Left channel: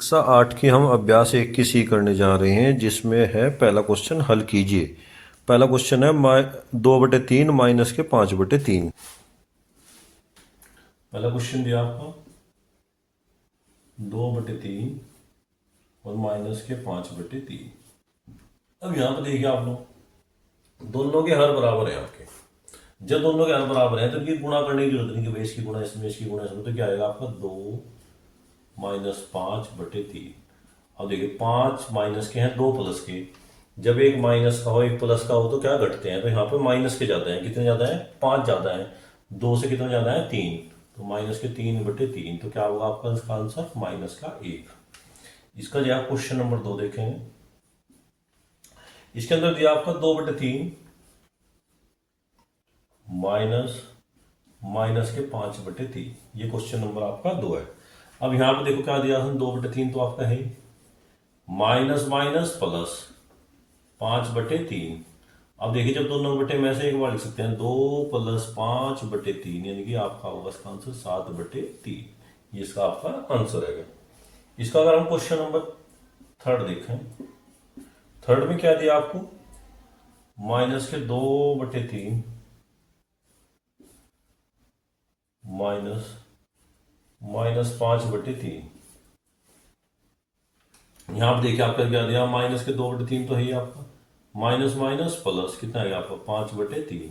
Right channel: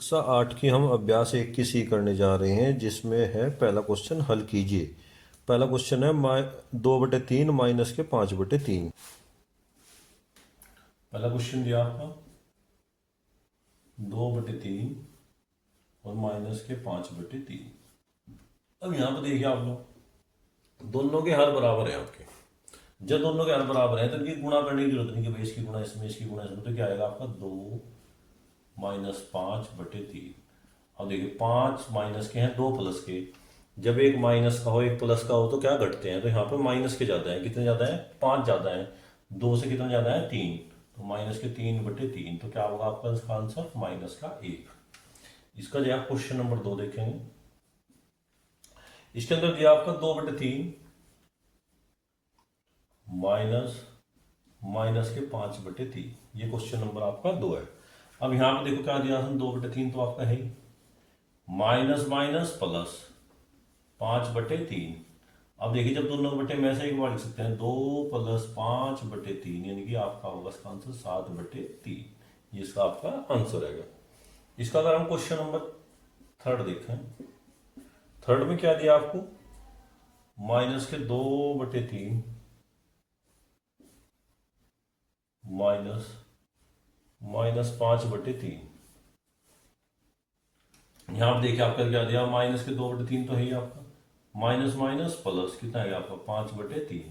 कक्षा 8 की हम अभ्यास 1 की सी करने जा रहे हैं, जिसमें है पहला क्वेश्चन हल कीजिए। पहला क्वेश्चन है 2/3 माइनस के 5/3। पहला क्वेश्चन दिया आपको 2/3 और माइनस के 5/3। अब यहाँ पर देखिए आप लोग दोनों के हर बराबर है आपके। जब दोनों के हर बराबर हैं तो ये गुणा करने की जरूरत नहीं कि भाई इसकी गुणा इसमें इसकी गुणा इसमें, तो क्या आएगा आपका 2 - 5/3। अब देखिए 5 माइनस के हैं, 2 प्लस के। जब एक माइनस का हो एक प्लस का हो तो क्या घटते हैं, तो यहाँ पर माइनस के जाते हैं। कितने ज्यादा है? 5 ज्यादा है। 2 से कितने ज्यादा है? 3। तो माइनस के 3/3, तो क्या होगा आपका इसका आंसर? माइनस का 1। इसका जो है क्वेश्चन नंबर 2 देखेंगे। इसके अंदर दिया आपका 2/3 माइनस माइनस के 5/3। ये क्वेश्चन नंबर आपका 2 है। अब यहाँ पे देखो क्या दिया, 2/3 तो आपका है माइनस माइनस प्लस 5/3। अब देखिए जब दोनों बटे में से एक बार लिख सकते हैं, 2 + 5/3, यानी कि आपका होगा इसका आंसर 7/3। ये इसका आपका आंसर है। इसका अगर हम क्वेश्चन नंबर 3 देखें, 3 में क्या दिया आपको? माइनस के 2/3 माइनस माइनस 5/3। यहां पर देखिए आपका क्या दिया, माइनस के 2/3 तो है ही आपका, माइनस माइनस प्लस कितना है आपका 5/3।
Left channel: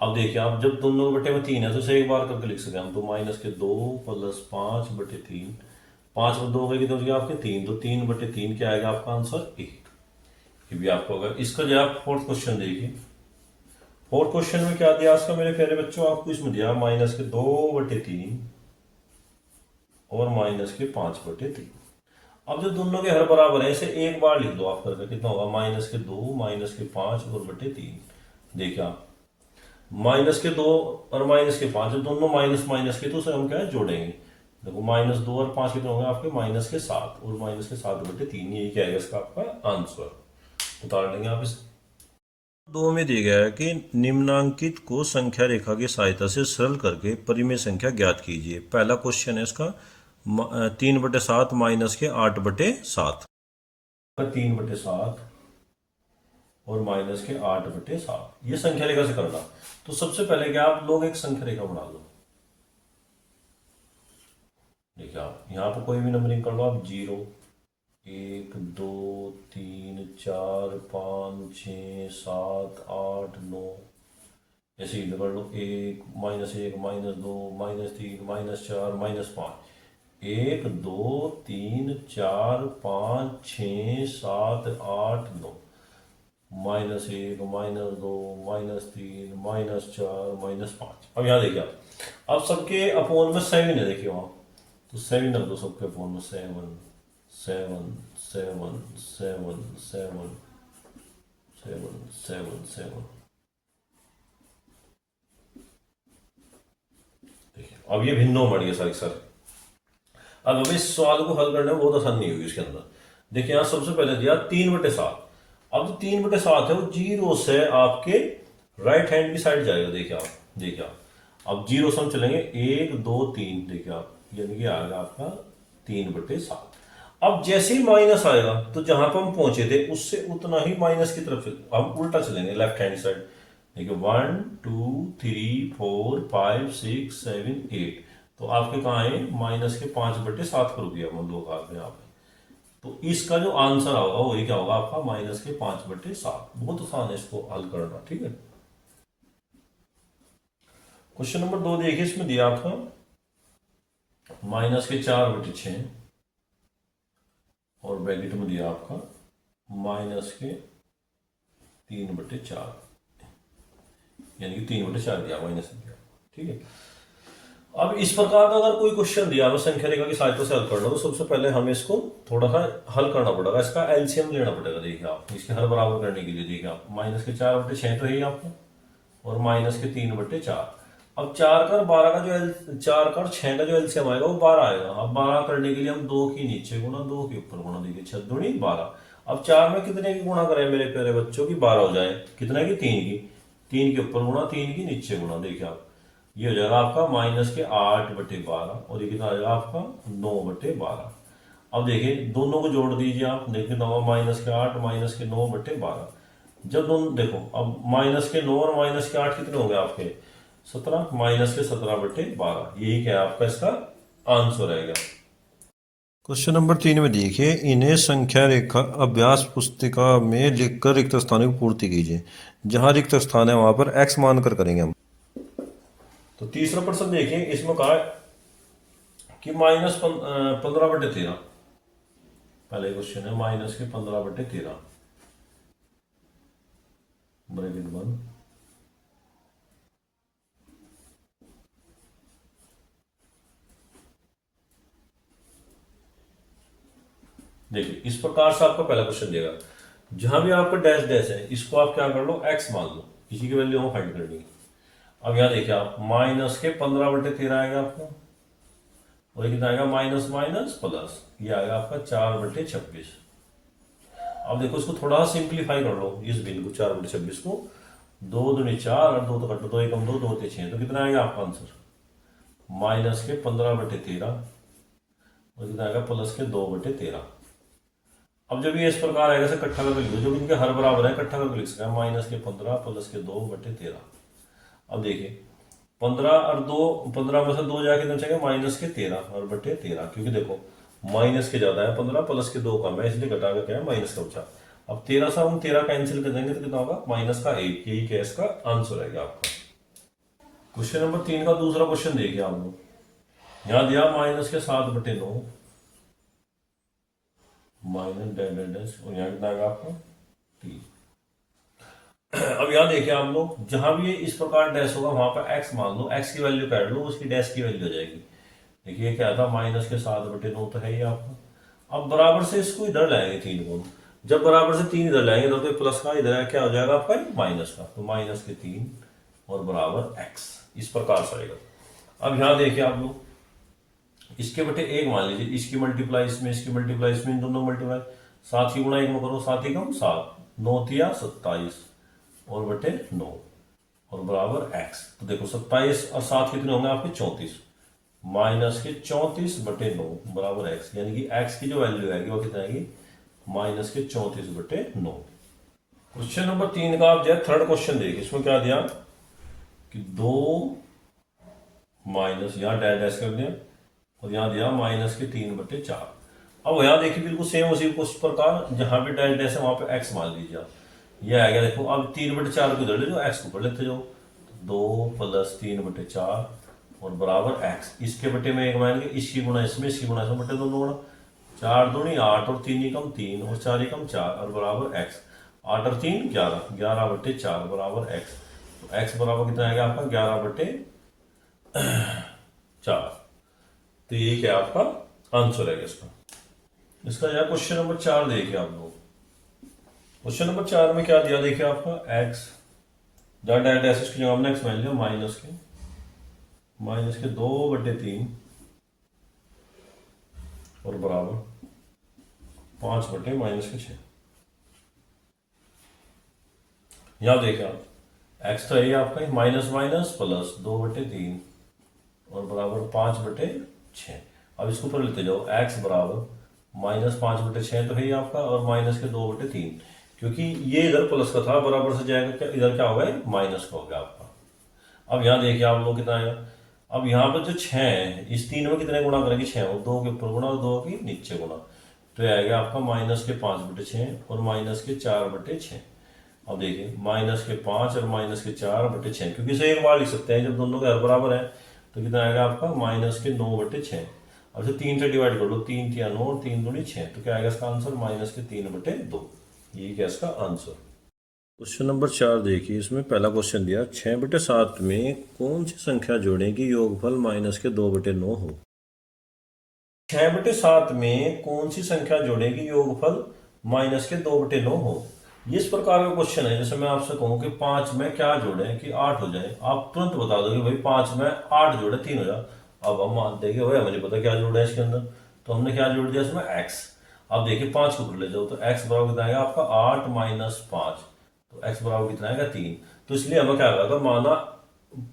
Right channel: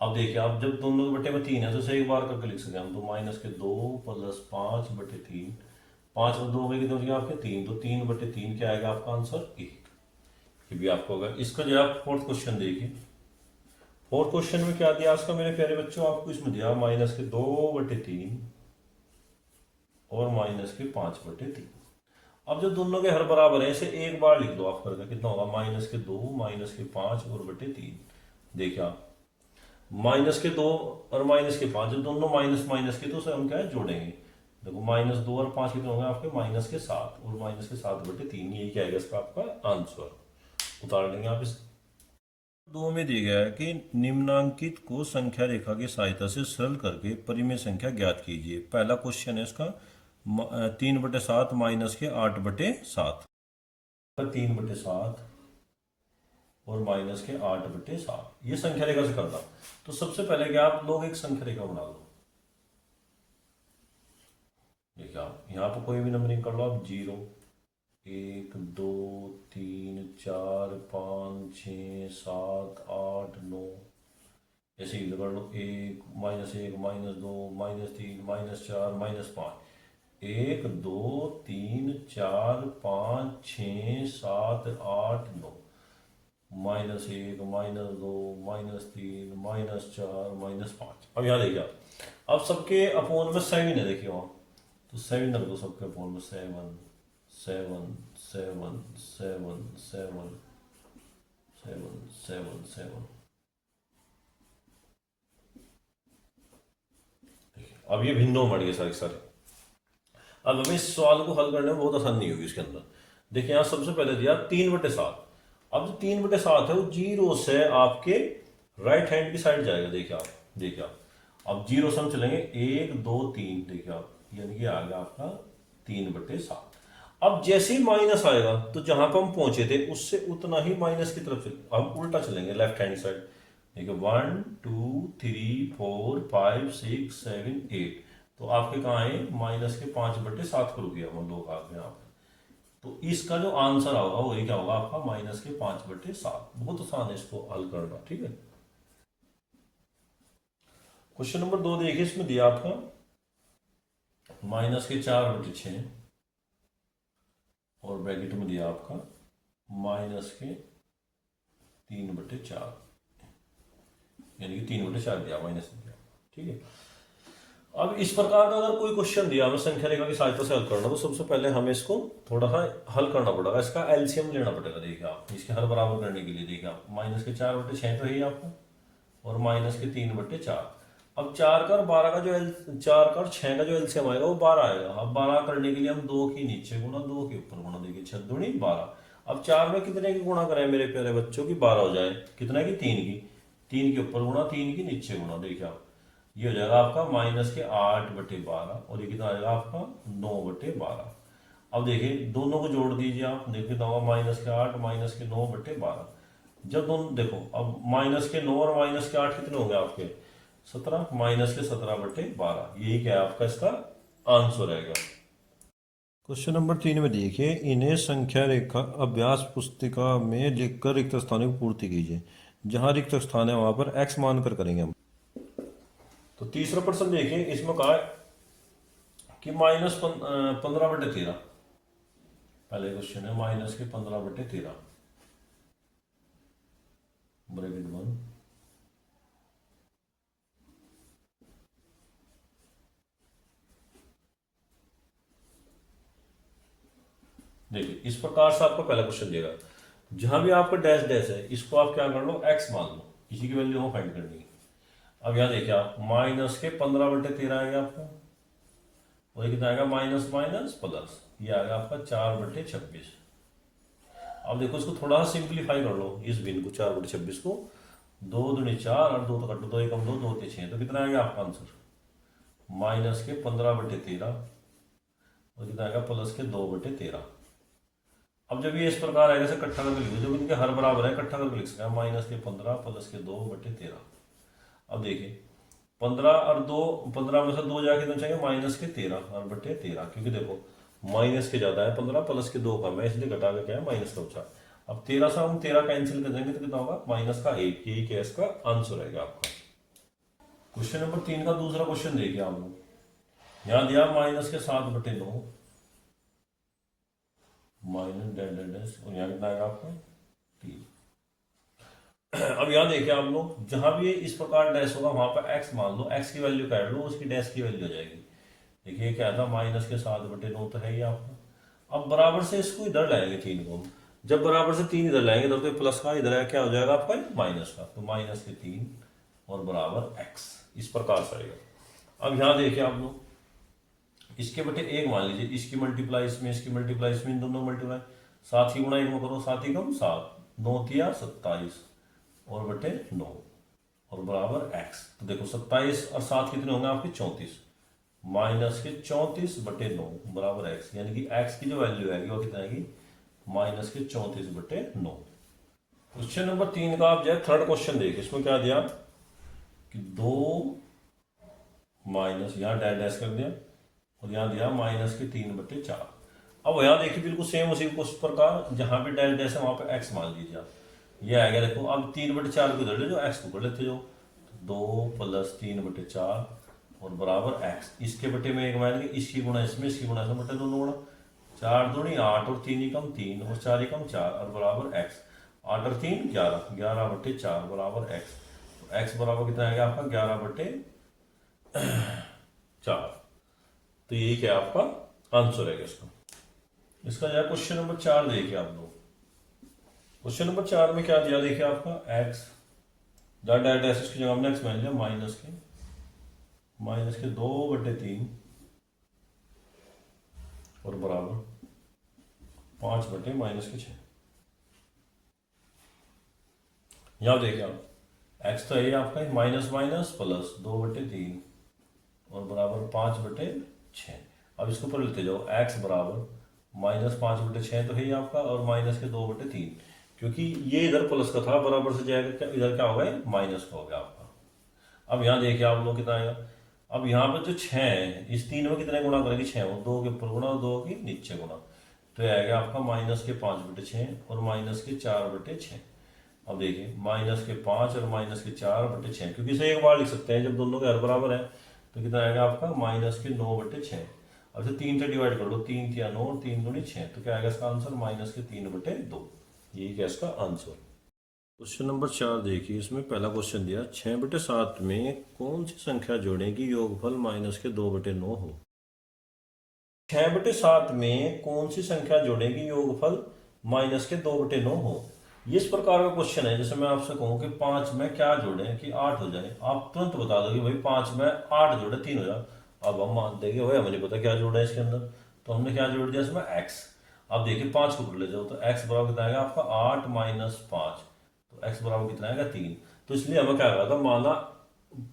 अब देखिए आप जब दोनों बटे में 3 है तो इसे एक बार करके लिख सकते हैं हम, तो माइनस के 2 + 5/3। 5 में 2 गए कितना हो गया आपके? 3। तो 3/3 क्या आएगा आपका आंसर? 1। ये भी आपको अगर इसका जो आप फोर्थ क्वेश्चन देखिए, फोर्थ क्वेश्चन में क्या दिया इसका मेरे प्यारे बच्चों? आपको इसमें दिया माइनस के 2/3 और माइनस के 5/3। अब जो दोनों के हर बराबर है इसे एक बार लिख दो आप करके, कितना होगा? माइनस के 2 माइनस के 5 और बटे 3। देखिए आप माइनस के 2 और माइनस के 5, जब दोनों माइनस माइनस के तो उसे हम क्या है जोड़ेंगे। देखो -2 और 5 कितने होंगे आपके? -7 और -7/3। यही क्या है इसका आपका आंसर। उतार लेंगे आप इस 2 में दिया गया है कि निम्नांकित को संख्या रेखा की सहायता से सरल करके परिमेय संख्या ज्ञात कीजिए। पहला क्वेश्चन है इसका 3/7 माइनस के 8/7। 3/7 और माइनस के 8/7, ये संख्या रेखा से करना। तो सबसे पहले क्या आप लोग एक संख्या रेखा बना लो। देखिए आप यहाँ पर कोई भी नंबरिंग कर लो आप, 0 1 2 3 4 5 6 7 8 9, ऐसे ही कर लो। 1 -1 -2 -3 -4 -5। 1 2 3 4 5 6 7 8 9, -1 -2 -3 -4 -5। अब यहाँ देखिए आप, अब सबके अपोन में 7 है, देखिए वहां तो 7 रख दो सबके अपोन में। 7 7 7 7 7 7 7 7। देखिए अब ये भिन्नों बढ़ गए सारे सारे। अब हमें इस सवाल को हल करने में बहुत आसानी होगी इसके अंदर। देखिए यहाँ सबसे पहले दिया 3/7। अब जो 3/7 है वो 0 से आपके राइट हैंड की साइड जाएगा। देखिए आप अब 0 से हम चलेंगे 1 2 3, देखिए आप यानी कि आएगा आपका 3/7। अब जैसे ही माइनस आएगा तो जहां पर हम पहुंचे थे उससे उतना ही माइनस की तरफ हम उल्टा चलेंगे, लेफ्ट हैंड साइड। देखिए 1 2 3 4 5 6 7 8, तो आपके कहाँ है? -5/7 करो दिया हम लोग आपने यहाँ पे। तो इसका जो आंसर होगा वही क्या होगा आपका? -5/7। बहुत आसान है इसको हल करना, ठीक है। क्वेश्चन नंबर 2 देखिए, इसमें दिया आपका -4/6 और ब्रैकेट में दिया आपका -3/4, यानी कि 3/4 दिया माइनस दिया, ठीक है। अब इस प्रकार का अगर कोई क्वेश्चन दिया हमें संख्या रेखा की सहायता से हल करना, तो सबसे पहले हमें इसको थोड़ा सा हल करना पड़ेगा, इसका एलसीएम लेना पड़ेगा। देखिए आप इसके हर बराबर करने के लिए, देखिए आप -4/6 तो है ही आपको, और -3/4। अब 4 का और 12 का जो 4 का और 6 का जो एलसीएम आएगा वो 12 आएगा। अब 12 करने के लिए हम 2 की नीचे गुणा 2 के ऊपर गुणा, देखिए 6 दूनी 12। अब 4 में कितने की गुणा करें मेरे प्यारे बच्चों की? 12 हो जाए। कितने की? 3 की। 3 के ऊपर गुणा 3 की नीचे गुणा, देखिए आप ये हो जाएगा आपका -8/12, और ये कितना आ जाएगा आपका? 9/12। अब देखिए दोनों को जोड़ दीजिए आप, देखिए 9 -8 -9 बटे 12। जब दोनों देखो, अब -9 और -8 कितने होंगे आपके 17, -17/12, यही क्या है आपका इसका आंसर रहेगा। क्वेश्चन नंबर 3 में देखिए, इन्हें संख्या रेखा अभ्यास पुस्तिका में लिखकर रिक्त स्थानों की पूर्ति कीजिए। जहां रिक्त स्थान है वहां पर x मानकर करेंगे हम। तो तीसरा प्रश्न देखिए, इसमें कहा है कि -15/13। पहले क्वेश्चन है -15/13 ब्रैकेट बंद। देखिए इस प्रकार से आपका पहला क्वेश्चन देगा, जहां भी आपका डैश डैश है इसको आप क्या कर लो, x मान लो, इसी की वैल्यू हम फाइंड करनी है। अब यहाँ देखिए आप -15/13 आएगा आपको, और ये कितना आएगा माइनस माइनस प्लस, ये आएगा आपका 4/26। अब देखो इसको थोड़ा सा सिंप्लीफाई कर लो, इस भिन्न को 4/26 को, 2 दूनी 4 और 2 तो कट 2 एकम 2 2 ते 6, तो कितना आएगा आपका आंसर -15/13, और कितना आएगा +2/13। अब जब ये इस प्रकार आएगा इसे इकट्ठा करके लिख दो, जब इनके हर बराबर है इकट्ठा करके लिख सकते हैं, -15 +2/13। अब देखिए 15 और 2, 15 में से 2 जाके कितना चाहिए -13 और बटे 13, क्योंकि देखो माइनस के ज्यादा है 15, प्लस के 2 कम है, इसलिए घटा के क्या है माइनस का बचा। अब 13 से हम 13 कैंसिल कर देंगे तो कितना होगा -1, यही क्या इसका आंसर आएगा आपका। क्वेश्चन नंबर 3 का दूसरा क्वेश्चन देखिए आप लोग, यहाँ दिया -7/9 माइनस डैश डैश डैश, और यहाँ कितना आएगा आपको 3। अब यहाँ देखिए आप लोग, जहां भी इस प्रकार डैश होगा वहां पर x मान लो, x की वैल्यू काट लो, उसकी डैश की वैल्यू हो जाएगी। देखिए क्या था -7/9 तो है ही आपका। अब बराबर से इसको इधर लाएंगे 3 को, जब बराबर से 3 इधर लाएंगे तब तो प्लस का इधर क्या हो जाएगा आपका माइनस का, तो -3 और बराबर x, इस प्रकार से आएगा। अब यहाँ देखिए आप लोग, इसके बटे 1 मान लीजिए, इसकी मल्टीप्लाई इसमें, इसकी मल्टीप्लाई इसमें, इन दोनों मल्टीप्लाई 7 की गुणा 1 में करो, 7 ही कम 7, 9 तिया 27 और बटे 9 और बराबर x। तो देखो 27 और 7 कितने होंगे आपके 34, -34/9 बराबर x, यानी कि x की जो वैल्यू आएगी वो कितना आएगी -34/9। क्वेश्चन नंबर 3 का आप जो थर्ड क्वेश्चन देखिए, इसमें क्या दिया कि 2 माइनस, यहाँ डैश डैश कर दिया, और यहाँ दिया -3/4। अब यहाँ देखिए बिल्कुल सेम उसी उस प्रकार, जहां भी डैश डैश है वहां पे x मान लीजिए आप, ये आ गया। देखो अब 3/4 को इधर ले जाओ, x को ऊपर लेते जाओ, तो 2 + 3/4 और बराबर x, इसके बटे में 1 मान के, इसकी गुणा इसमें, इसकी गुणा इसमें, बटे दोनों गुणा, 4 दूनी 8 और 3 एकम 3 और 4 एकम 4 और बराबर x, 8 और 3 11, 11/4 बराबर x। तो x बराबर कितना आएगा आपका 11/4। तो यही क्या आपका आंसर है इसका। इसका यार क्वेश्चन नंबर 4 देखिए आप लोग, क्वेश्चन नंबर 4 में क्या दिया देखिए आपका x, जहाँ डैश डैश की जगह हमने x मान लिया, माइनस के 2/3 और बराबर 5/-6। यहां देखिए आप, x तो है आपका माइनस माइनस प्लस 2/3 और बराबर 5/6। अब इसको ऊपर लेते जाओ, x बराबर -5/6 तो है ही आपका, और -2/3, क्योंकि ये इधर प्लस का था, बराबर से जाएगा क्या, इधर क्या होगा माइनस का हो गया आपका। अब यहाँ देखिए आप लोग कितना आएगा, अब यहाँ पर जो 6 है, इस 3 में कितने गुणा करेंगे 6, और 2 के ऊपर गुणा और 2 के नीचे गुणा, तो ये आएगा आपका -5/6 और -4/6। अब देखिए -5 और -4/6, क्योंकि इसे एक बार लिख सकते हैं, जब दोनों के हर बराबर है तो कितना आएगा आपका -9/6। अब इसे 3 से डिवाइड कर लो, 3 तिया 9 और 3 दूनी 6, तो क्या आएगा इसका आंसर -3/2, यही क्या इसका आंसर। क्वेश्चन नंबर 4 देखिए, इसमें पहला क्वेश्चन दिया 6/7 में कौन सी संख्या जोड़ें कि योगफल -2/9 हो। 6/7 में कौन सी संख्या जोड़ें कि योगफल -2/9 हो, ये इस प्रकार का क्वेश्चन है। जैसे मैं आपसे कहूं कि 5 में क्या जोड़ें कि 8 हो जाए, आप तुरंत बता दो कि भाई 5 में 8 जोड़े 3 हो जाए। अब हम मानते हैं कि भाई मुझे पता क्या जोड़ना है इसके अंदर, तो हमने क्या जोड़ दिया इसमें x। अब देखिए 5 को ऊपर ले जाओ, तो x बराबर कितना आएगा आपका 8 - 5, तो x बराबर कितना आएगा 3। तो इसलिए हमें क्या करा था, माना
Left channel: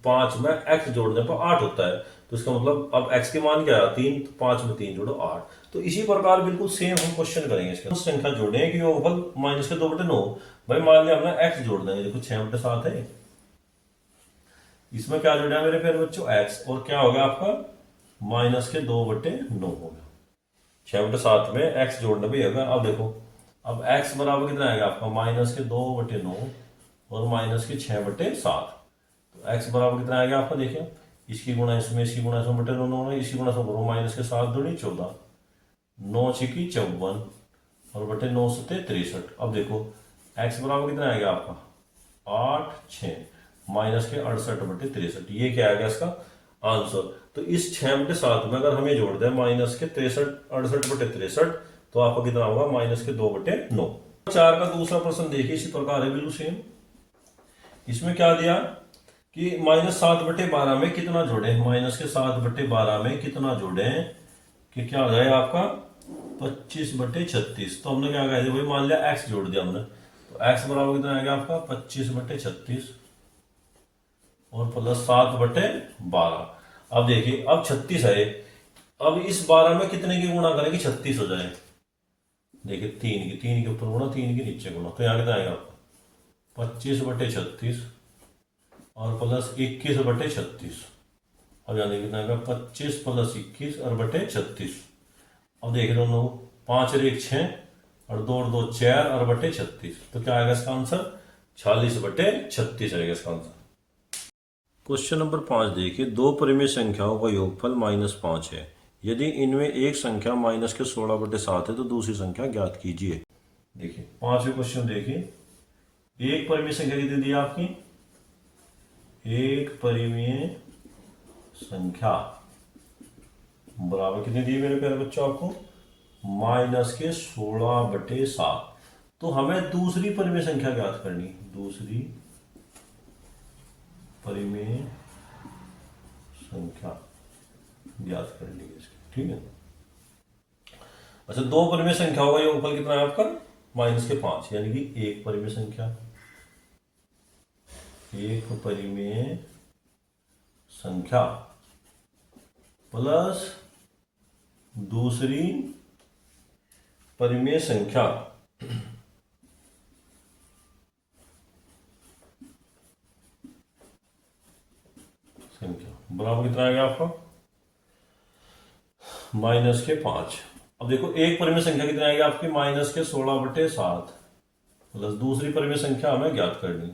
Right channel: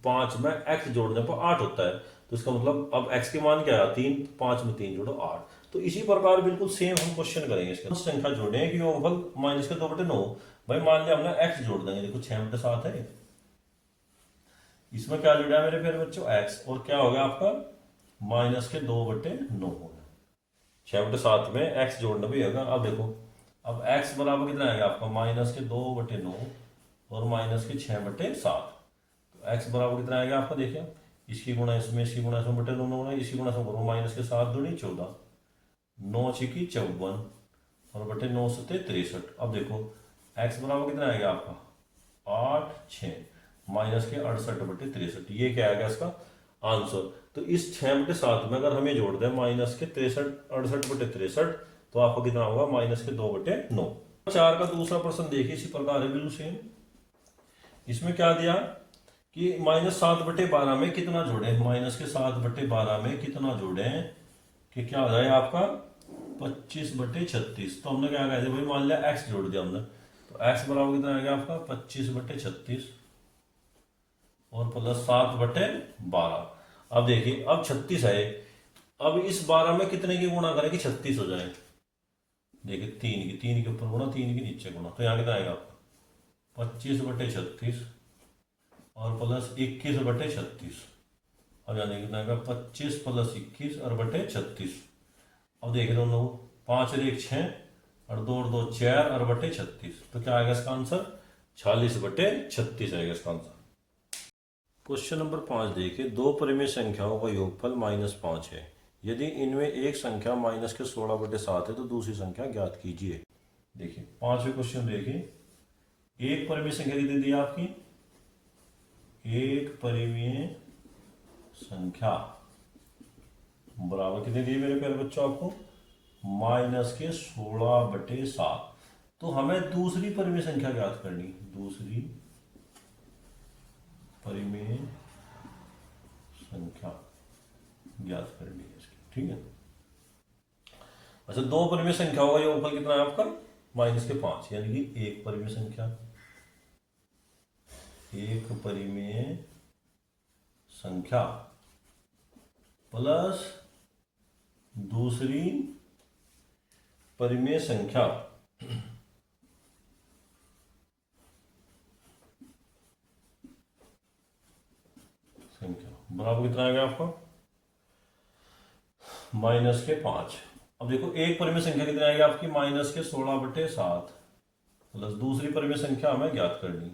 5 में x जोड़ने पर 8 होता है, तो इसका मतलब अब x के मान क्या है 3, तो 5 में 3 जोड़ो 8, तो इसी प्रकार बिल्कुल सेम हम क्वेश्चन करेंगे इसका। संख्या जोड़े कि योगफल माइनस के 2/9। भाई मान लिया हमने x जोड़ देंगे, देखो 6/7 है, इसमें क्या जोड़ा है मेरे प्यारे बच्चों x, और क्या हो गया आपका माइनस के 2/9 हो गया। 6/7 में x जोड़ना भी होगा। अब देखो अब x बराबर कितना आएगा आपका माइनस के 2/9 और माइनस के 6/7। तो x बराबर कितना आएगा आपका, देखिए इसकी गुणा इसमें, इसकी गुणा इसमें बटे 9 होना, इसी गुणा से करो माइनस के 7 दूनी 14, 9 छिकी 54 और बटे 9 सत्ते 63। अब देखो x बराबर कितना आएगा आपका 8 6 माइनस के 68/63। ये क्या आएगा इसका आंसर। तो इस 6/7 में अगर हमें जोड़ दें माइनस के 68/63 तो आपका कितना होगा माइनस के 2/9। 4 का दूसरा प्रश्न देखिए इसी प्रकार है बिल्कुल सेम। इसमें क्या दिया कि माइनस 7/12 में कितना जोड़े, माइनस के 7/12 में कितना जोड़े कि क्या हो जाए आपका 25/36। तो हमने क्या कहा भाई मान लिया x जोड़ दिया हमने, तो x बराबर कितना आएगा आपका 25/36 और प्लस 7/12। अब देखिए अब 36 है, अब इस 12 में कितने की गुणा करेंगे 36 हो जाए, देखिए 3 के ऊपर गुणा 3 के नीचे गुणा, तो यहाँ कितना आएगा आपका 25/36 और प्लस 21/36। अब यहाँ देखिए कितना आएगा 25 + 21 और बटे 36। अब देखिए दोनों 5 और 1 6 और 2 और 2 4 और बटे 36। तो क्या आएगा इसका आंसर 46/36 आएगा इसका आंसर। क्वेश्चन नंबर 5 देखिए, दो परिमेय संख्याओं का योगफल -5 है। यदि इनमें एक संख्या माइनस के 16/7 है तो दूसरी संख्या ज्ञात कीजिए। देखिए 5वें क्वेश्चन देखिए, एक परिमेय संख्या कितनी दी आपकी, एक परिमेय संख्या बराबर कितनी दी मेरे प्यारे बच्चों आपको माइनस के 16/7। तो हमें दूसरी परिमेय संख्या ज्ञात करनी, दूसरी परिमेय संख्या ज्ञात करनी है इसकी, ठीक है। अच्छा दो परिमेय संख्याओं का योगफल कितना है आपका -5, यानी कि एक परिमेय संख्या, एक परिमेय संख्या प्लस दूसरी परिमेय संख्या बराबर कितना आएगा आपका -5। अब देखो एक परिमेय संख्या कितनी आएगी आपकी माइनस के 16/7 प्लस दूसरी परिमेय संख्या हमें ज्ञात करनी,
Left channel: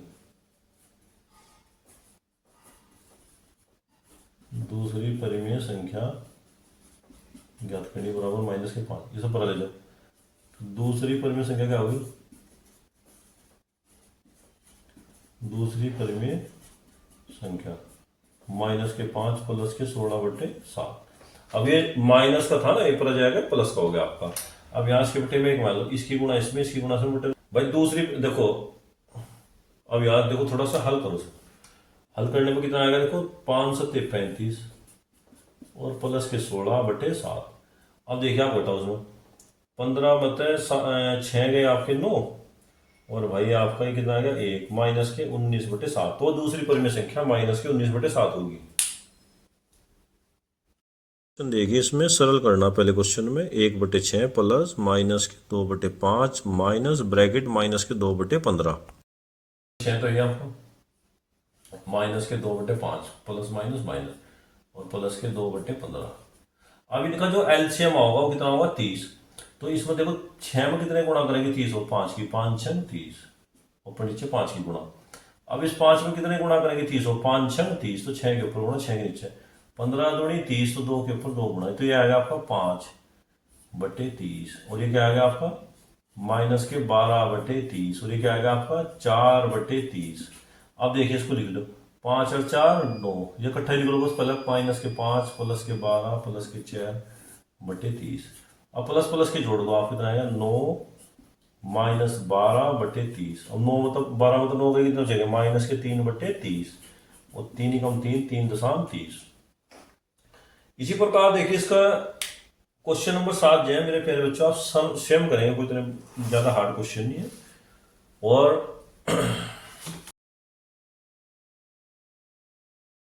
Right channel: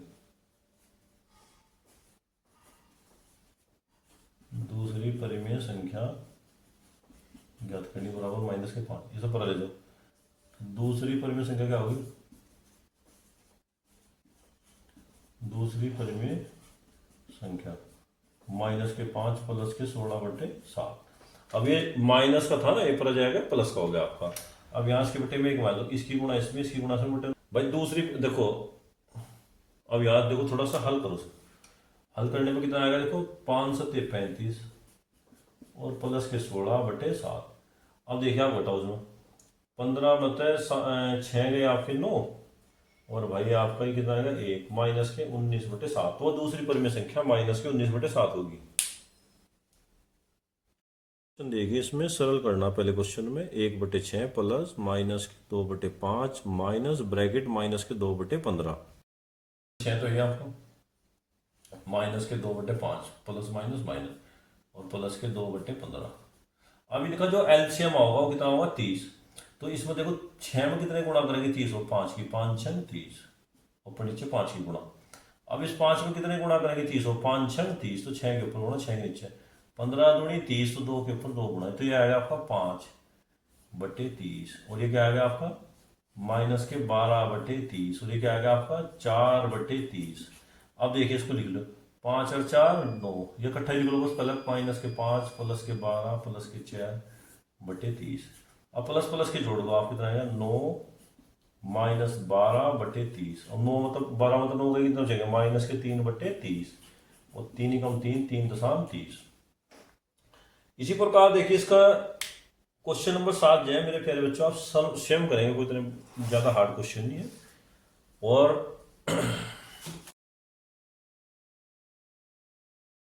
दूसरी परिमेय संख्या ज्ञात करनी बराबर -5। ये सब पढ़ा ले जाओ। दूसरी परिमेय संख्या क्या होगी, दूसरी परिमेय संख्या -5 प्लस के 16/7। अब ये माइनस का था ना, एक पर जाएगा प्लस का हो गया आपका। अब यहाँ इसके बटे में एक मान लो, इसकी गुणा इसमें, इसकी गुणा से बटे भाई दूसरी देखो। अब यार देखो थोड़ा सा हल करो, हल करने में कितना आएगा देखो 5 7 35 और प्लस के 16/7। अब देखिए आप बताओ उसमें 15 मतलब 6 गए आपके 9 और भाई आपका ये कितना आ गया 1 माइनस के 19/7। तो दूसरी परिमेय संख्या माइनस के 19/7 होगी। देखिए इसमें सरल करना, पहले क्वेश्चन में 1/6 प्लस माइनस के 2/5 माइनस ब्रैकेट माइनस के 2/15। 6 तो ये आपको माइनस के 2/5 प्लस माइनस माइनस और प्लस के 2/15। अब इनका जो एलसीएम होगा वो कितना होगा 30। तो इसमें देखो 6 में कितने गुणा करेंगे 30 और 5 की 5 6 30 ऊपर नीचे 5 की गुणा। अब इस 5 में कितने गुणा करेंगे 30 और 5 6 30, तो 6 के ऊपर गुणा 6 के नीचे 15 दूनी 30, तो 2 के ऊपर 2 गुणा, तो ये आएगा आपका 5/30 और ये क्या आएगा आपका माइनस के 12/30 और ये क्या आएगा आपका 4/30। अब देखिए इसको लिख लो 5 और 4 9, ये इकट्ठा लिख लो बस, पलक माइनस के 5 प्लस के 12 प्लस के 4/30। अब प्लस प्लस के जोड़ दो, आप कितना आएगा 9 माइनस 12/30 और 9 मतलब 12 मतलब 9 कितना चाहिए माइनस के 3/30 और 3 कम 3 3.30। इसी प्रकार देखिए इसका क्वेश्चन नंबर 7 जो है मेरे प्यारे बच्चों आप स्वयं करेंगे, कोई इतना ज़्यादा हार्ड क्वेश्चन नहीं है। और